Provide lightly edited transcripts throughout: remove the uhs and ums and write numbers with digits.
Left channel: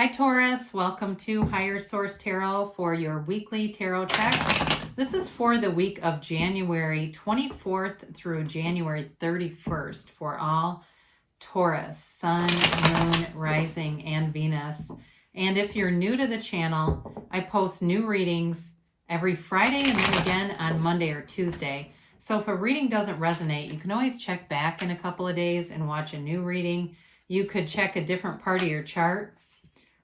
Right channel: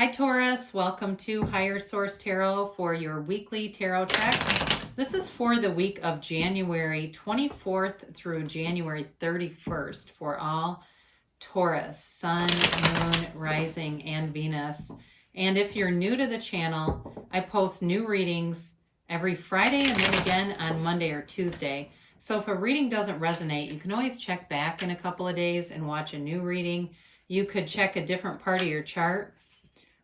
Hi Taurus, welcome to Higher Source Tarot for your weekly tarot check. This is for the week of January 24th through January 31st for all Taurus, Sun, Moon, Rising, and Venus. And if you're new to the channel, I post new readings every Friday and then again on Monday or Tuesday. So if a reading doesn't resonate, you can always check back in a couple of days and watch a new reading. You could check a different part of your chart,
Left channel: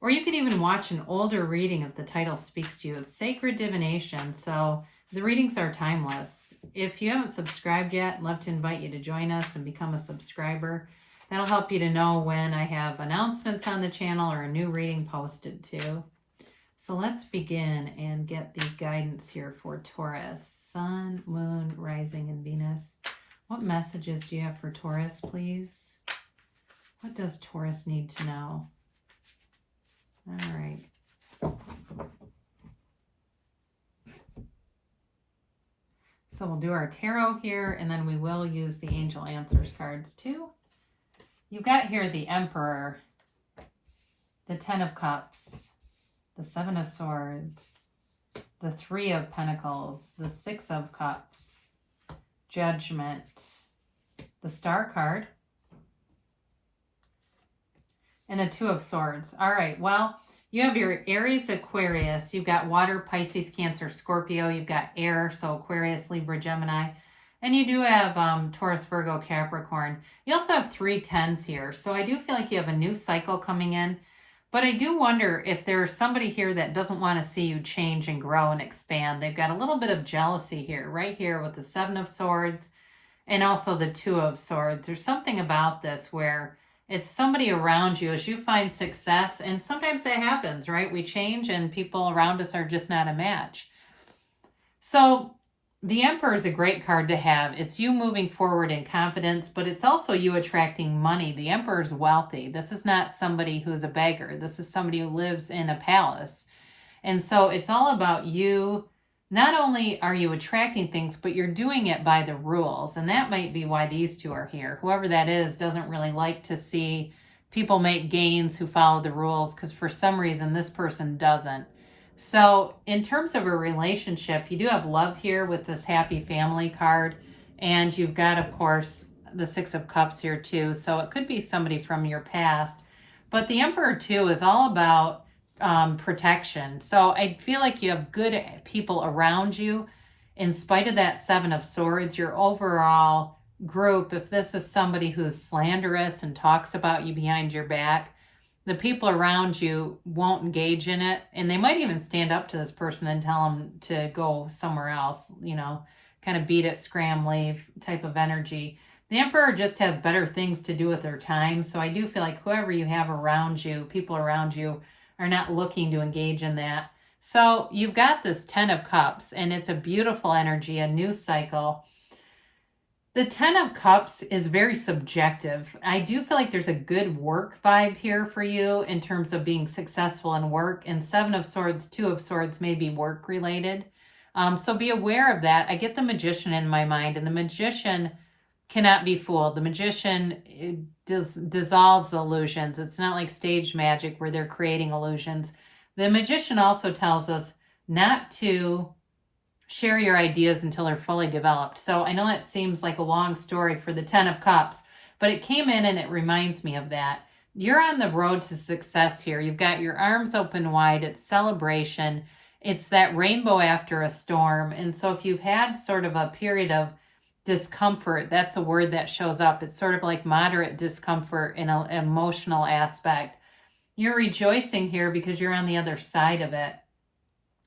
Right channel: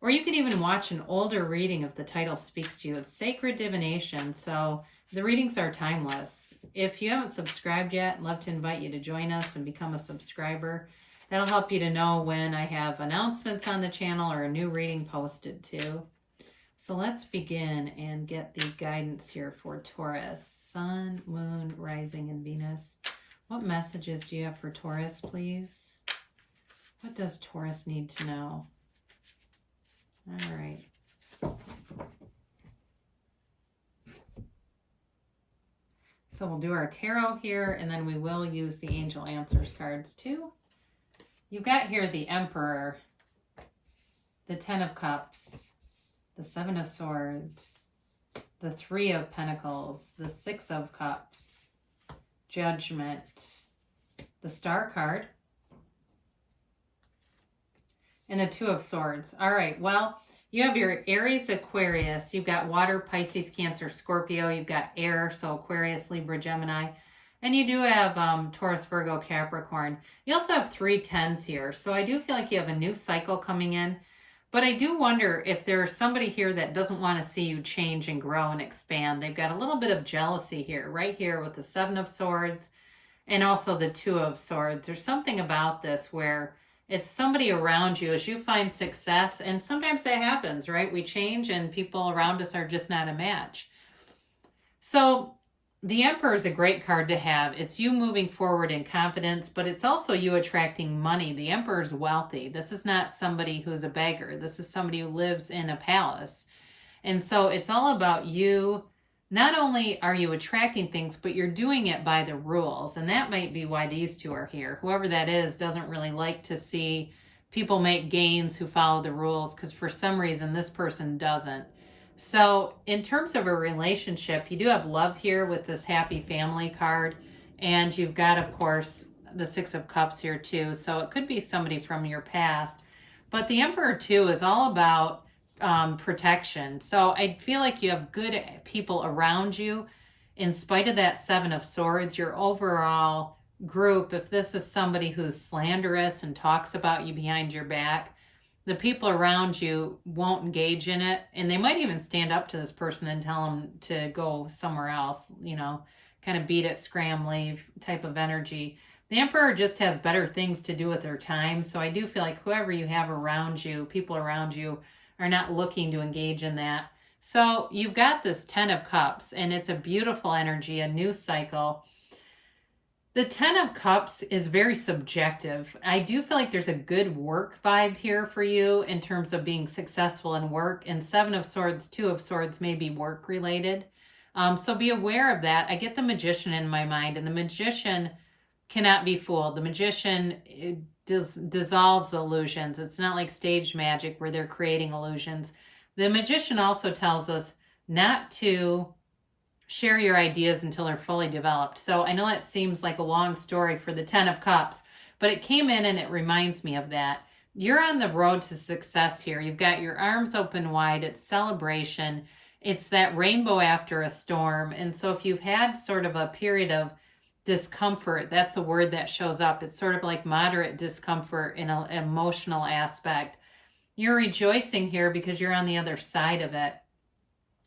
or you could even watch an older reading if the title speaks to you. It's Sacred Divination, so the readings are timeless. If you haven't subscribed yet, I'd love to invite you to join us and become a subscriber. That'll help you to know when I have announcements on the channel or a new reading posted too. So let's begin and get the guidance here for Taurus, Sun, Moon, Rising, and Venus. What messages do you have for Taurus, please? What does Taurus need to know? All right. So we'll do our tarot here, and then we will use the Angel Answers cards too. You've got here the Emperor, the Ten of Cups, the Seven of Swords, the Three of Pentacles, the Six of Cups, Judgment, the Star card, and a Two of Swords. All right, well, you have your Aries, Aquarius. You've got water, Pisces, Cancer, Scorpio. You've got air, so Aquarius, Libra, Gemini. And you do have Taurus, Virgo, Capricorn. You also have 3 tens here. So I do feel like you have a new cycle coming in. But I do wonder if there's somebody here that doesn't want to see you change and grow and expand. They've got a little bit of jealousy here, right here with the Seven of Swords and also the Two of Swords. There's something about this where it's somebody around you as you find success, and sometimes that happens, right? We change and people around us are just not a match. So the Emperor is a great card to have. It's you moving forward in confidence, but it's also you attracting money. The Emperor is wealthy. This is not somebody who's a beggar. This is somebody who lives in a palace. And so it's all about you. Not only are you attracting things, but you're doing it by the rules. And that might be why these two are here. Whoever that is doesn't really like to see people make gains who follow the rules, because for some reason this person doesn't. So in terms of a relationship, you do have love here with this happy family card. And you've got, of course, the Six of Cups here too. So it could be somebody from your past. But the Emperor too is all about protection. So I feel like you have good people around you. In spite of that Seven of Swords, your overall group, if this is somebody who's slanderous and talks about you behind your back, the people around you won't engage in it. And they might even stand up to this person and tell them to go somewhere else, you know, kind of beat it, scram, leave type of energy. The Emperor just has better things to do with their time. So I do feel like whoever you have around you, people around you, are not looking to engage in that. So you've got this Ten of Cups, and it's a beautiful energy, a new cycle. The Ten of Cups is very subjective. I do feel like there's a good work vibe here for you in terms of being successful in work. And Seven of Swords, Two of Swords may be work related. So be aware of that. I get the Magician in my mind, and the Magician cannot be fooled. The Magician dissolves illusions. It's not like stage magic where they're creating illusions. The Magician also tells us not to share your ideas until they're fully developed. So I know that seems like a long story for the Ten of Cups, but it came in and it reminds me of that. You're on the road to success here. You've got your arms open wide. It's celebration. It's that rainbow after a storm. And so if you've had sort of a period of discomfort, that's the word that shows up. It's sort of like moderate discomfort in an emotional aspect. You're rejoicing here because you're on the other side of it.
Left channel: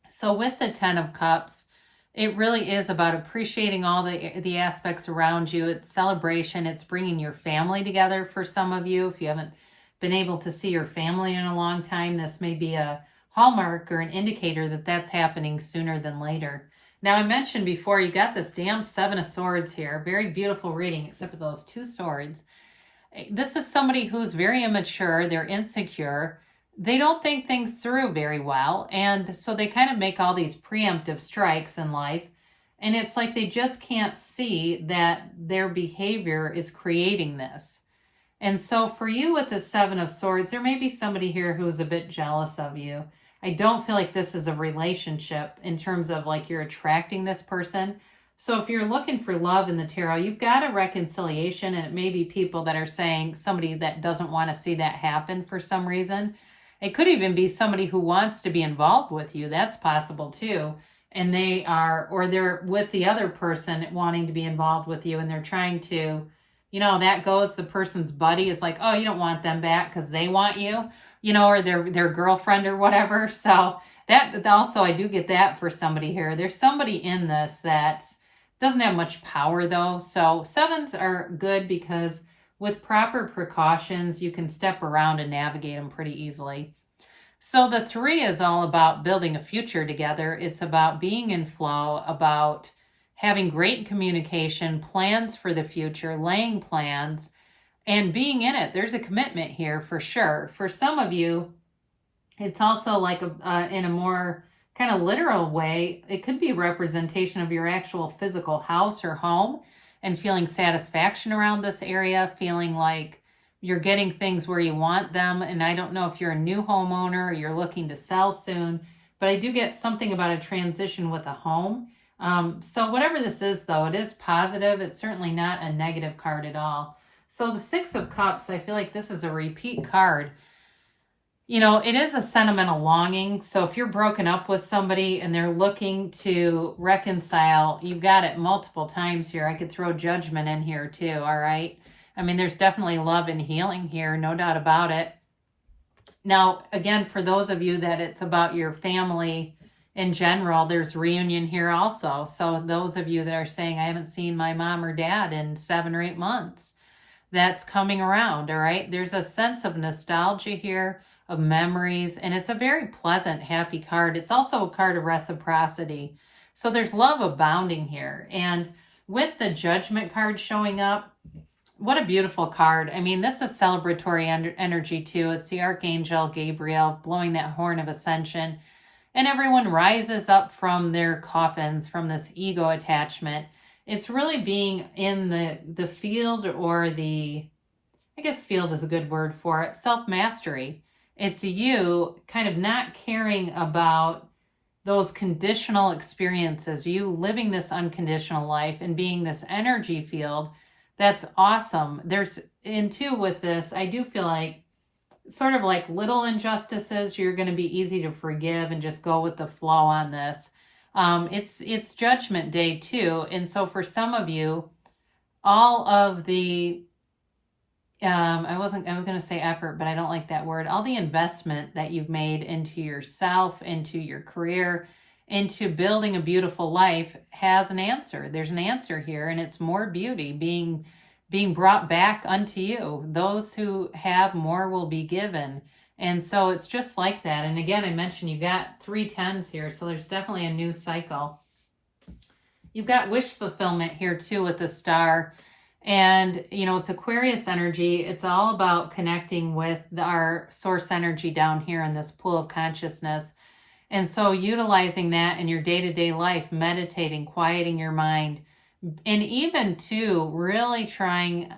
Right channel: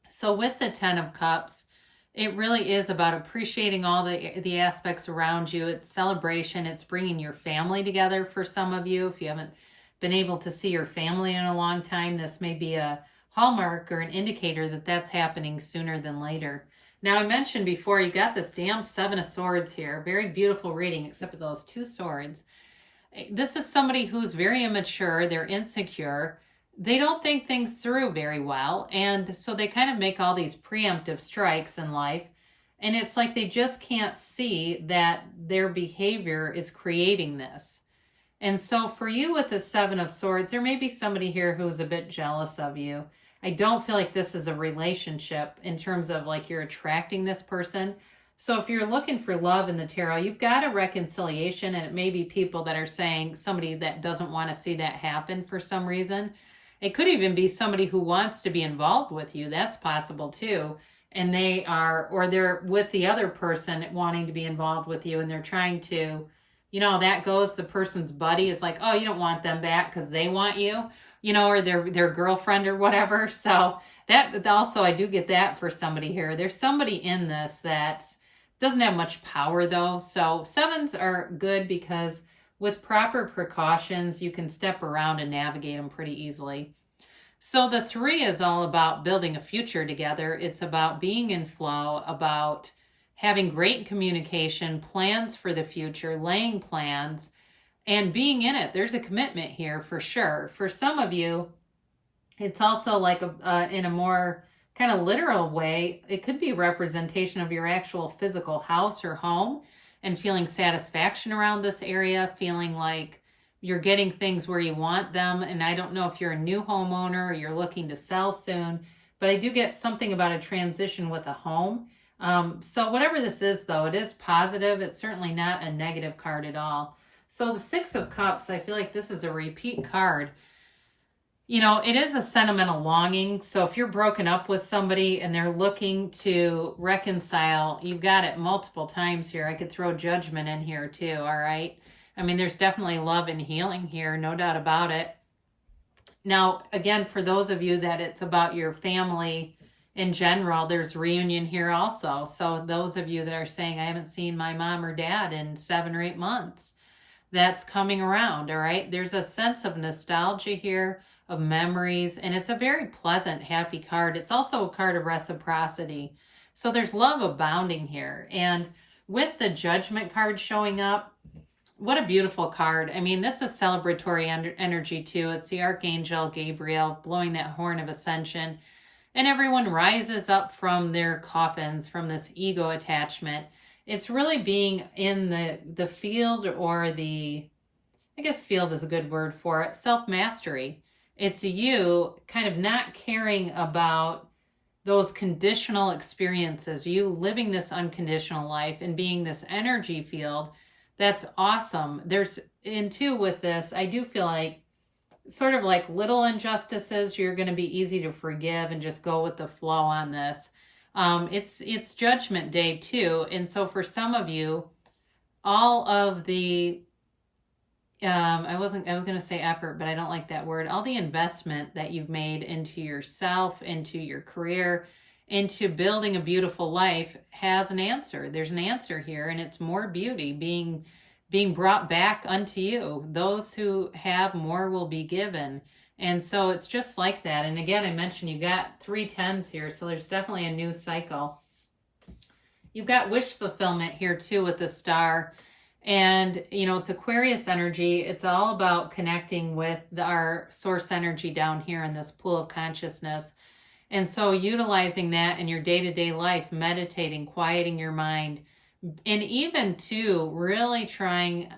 So with the Ten of Cups, it really is about appreciating all the aspects around you. It's celebration. It's bringing your family together for some of you. If you haven't been able to see your family in a long time, this may be a hallmark or an indicator that that's happening sooner than later. Now, I mentioned before, you got this damn Seven of Swords here. Very beautiful reading, except for those 2 swords. This is somebody who's very immature. They're insecure. They don't think things through very well. And so they kind of make all these preemptive strikes in life. And it's like they just can't see that their behavior is creating this. And so for you with the Seven of Swords, there may be somebody here who's a bit jealous of you. I don't feel like this is a relationship in terms of like you're attracting this person. So if you're looking for love in the tarot, you've got a reconciliation, and it may be people that are saying somebody that doesn't want to see that happen for some reason. It could even be somebody who wants to be involved with you. That's possible too. And they are, or they're with the other person wanting to be involved with you, and they're trying to, that goes, the person's buddy is like, oh, you don't want them back because they want you, or their girlfriend or whatever. So that also, I do get that for somebody here. There's somebody in this that doesn't have much power though. So sevens are good because with proper precautions, you can step around and navigate them pretty easily. So the 3 is all about building a future together. It's about being in flow, about having great communication, plans for the future, laying plans, and being in it. There's a commitment here for sure. For some of you, it's also like in a more kind of literal way, it could be a representation of your actual physical house or home and feeling satisfaction around this area, feeling like you're getting things where you want them. And I don't know if you're a new homeowner or you're looking to sell soon, but I do get something about a transition with a home. So whatever this is, though, it is positive. It's certainly not a negative card at all. So the 6 of Cups, I feel like this is a repeat card. It is a sentimental longing. So if you're broken up with somebody and they're looking to reconcile, you've got it multiple times here. I could throw Judgment in here too, all right? I mean, there's definitely love and healing here, no doubt about it. Now, again, for those of you that it's about your family in general, there's reunion here also. So those of you that are saying, I haven't seen my mom or dad in 7 or 8 months, that's coming around, all right? There's a sense of nostalgia here, of memories, and it's a very pleasant, happy card. It's also a card of reciprocity. So there's love abounding here. And with the Judgment card showing up, what a beautiful card. I mean, this is celebratory energy too. It's the Archangel Gabriel blowing that horn of ascension. And everyone rises up from their coffins, from this ego attachment. It's really being in the field, or I guess field is a good word for it, self-mastery. It's you kind of not caring about those conditional experiences, you living this unconditional life and being this energy field. That's awesome. There's, in two with this, I do feel like sort of like little injustices, you're going to be easy to forgive and just go with the flow on this. It's Judgment Day too. And so for some of you, all of the, I was going to say effort, but I don't like that word. All the investment that you've made into yourself, into your career, into building a beautiful life has an answer. There's an answer here, and it's more beauty being brought back unto you. Those who have more will be given. And so it's just like that. And again, I mentioned you got 3 10s here, so there's definitely a new cycle. You've got wish fulfillment here too with the star. And, it's Aquarius energy. It's all about connecting with our source energy down here in this pool of consciousness. And so utilizing that in your day-to-day life, meditating, quieting your mind, and even too, really trying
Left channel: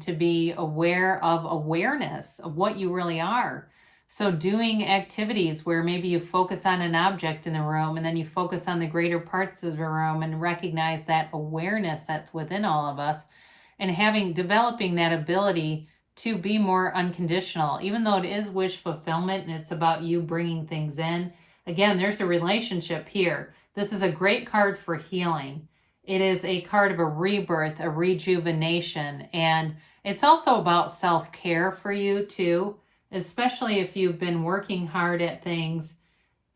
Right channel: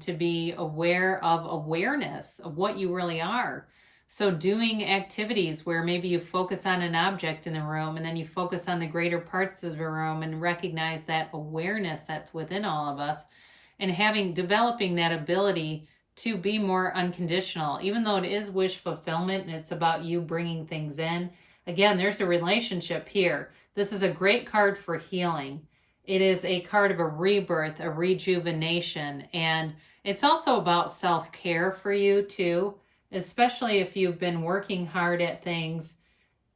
to be aware of awareness of what you really are. So doing activities where maybe you focus on an object in the room, and then you focus on the greater parts of the room and recognize that awareness that's within all of us, and developing that ability to be more unconditional, even though it is wish fulfillment and it's about you bringing things in. Again, there's a relationship here. This is a great card for healing. It is a card of a rebirth, a rejuvenation, and it's also about self-care for you too, especially if you've been working hard at things.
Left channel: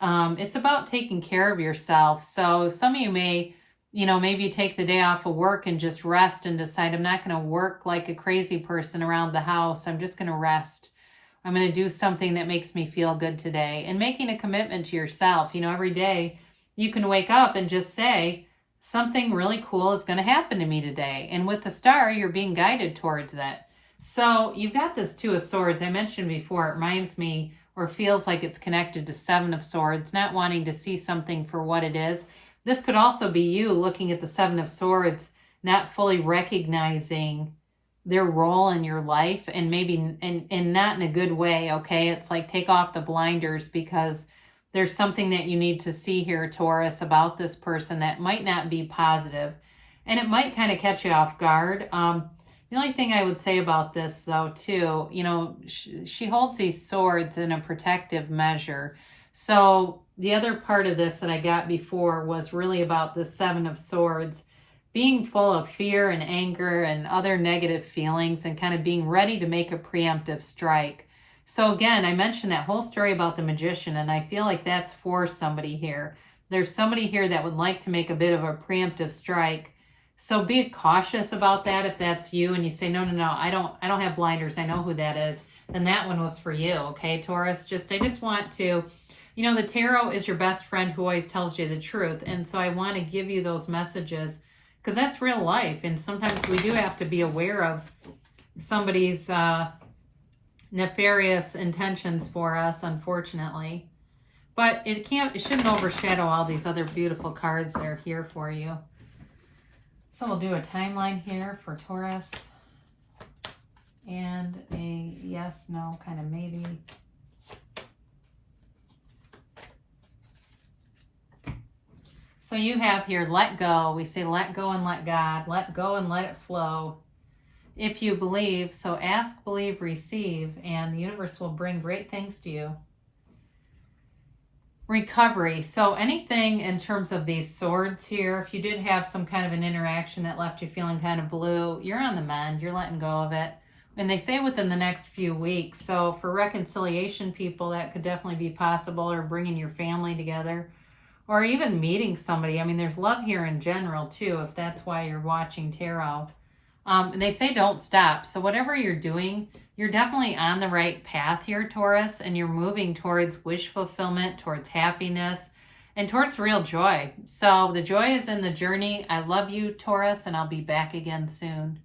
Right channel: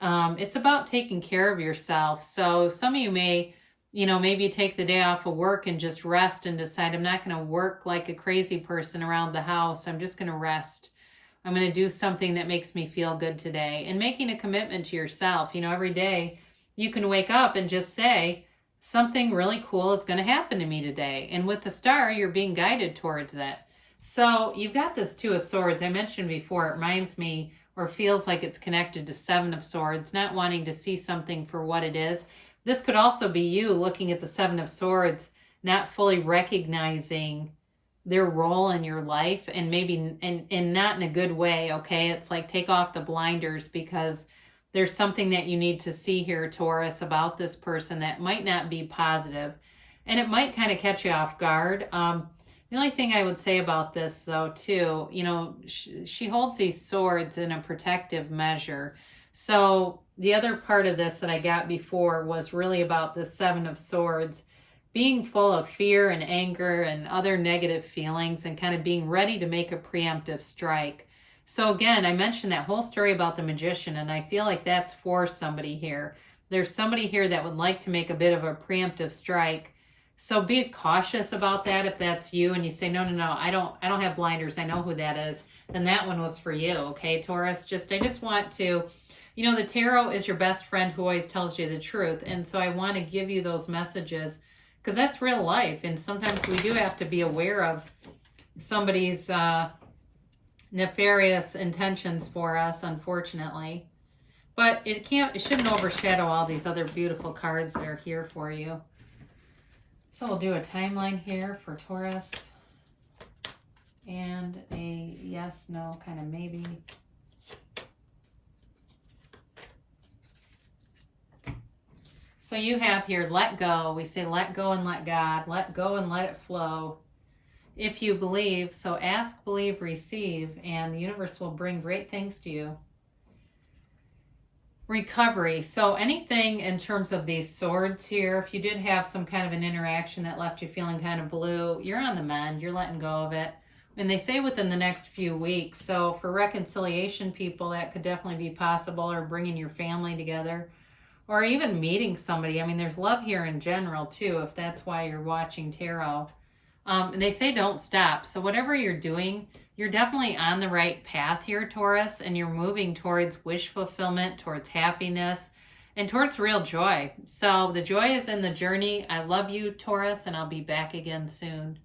It's about taking care of yourself. So some of you may, maybe take the day off of work and just rest and decide, I'm not going to work like a crazy person around the house. I'm just going to rest. I'm going to do something that makes me feel good today, and making a commitment to yourself. Every day you can wake up and just say, something really cool is going to happen to me today. And with the star, you're being guided towards that. So you've got this 2 of Swords. I mentioned before, it reminds me, or feels like it's connected to 7 of Swords, not wanting to see something for what it is. This could also be you looking at the 7 of Swords, not fully recognizing their role in your life, and maybe and not in a good way, okay? It's like take off the blinders, because there's something that you need to see here, Taurus, about this person that might not be positive, and it might kind of catch you off guard. The only thing I would say about this, though, too, you know, she holds these swords in a protective measure. So the other part of this that I got before was really about the Seven of Swords being full of fear and anger and other negative feelings, and kind of being ready to make a preemptive strike. So again, I mentioned that whole story about the magician, and I feel like that's for somebody here. There's somebody here that would like to make a bit of a preemptive strike. So be cautious about that. If that's you and you say, no, I don't have blinders, I know who that is, then that one was for you, okay, Taurus? I just want to, you know, the tarot is your best friend who always tells you the truth. And so I want to give you those messages, because that's real life. And sometimes we do have to be aware of somebody's nefarious intentions for us, unfortunately. But it shouldn't overshadow all these other beautiful cards that are here for you. So we'll do a timeline here for Taurus, and a yes, no, kind of maybe. So you have here, let go. We say let go and let God. Let go and let it flow. If you believe, so ask, believe, receive, and the universe will bring great things to you. Recovery. So anything in terms of these swords here, if you did have some kind of an interaction that left you feeling kind of blue, you're on the mend. You're letting go of it. And they say within the next few weeks. So for reconciliation people, that could definitely be possible, or bringing your family together, or even meeting somebody. I mean, there's love here in general too, if that's why you're watching tarot. And they say don't stop. So whatever you're doing, you're definitely on the right path here, Taurus, and you're moving towards wish fulfillment, towards happiness, and towards real joy. So the joy is in the journey. I love you, Taurus, and I'll be back again soon.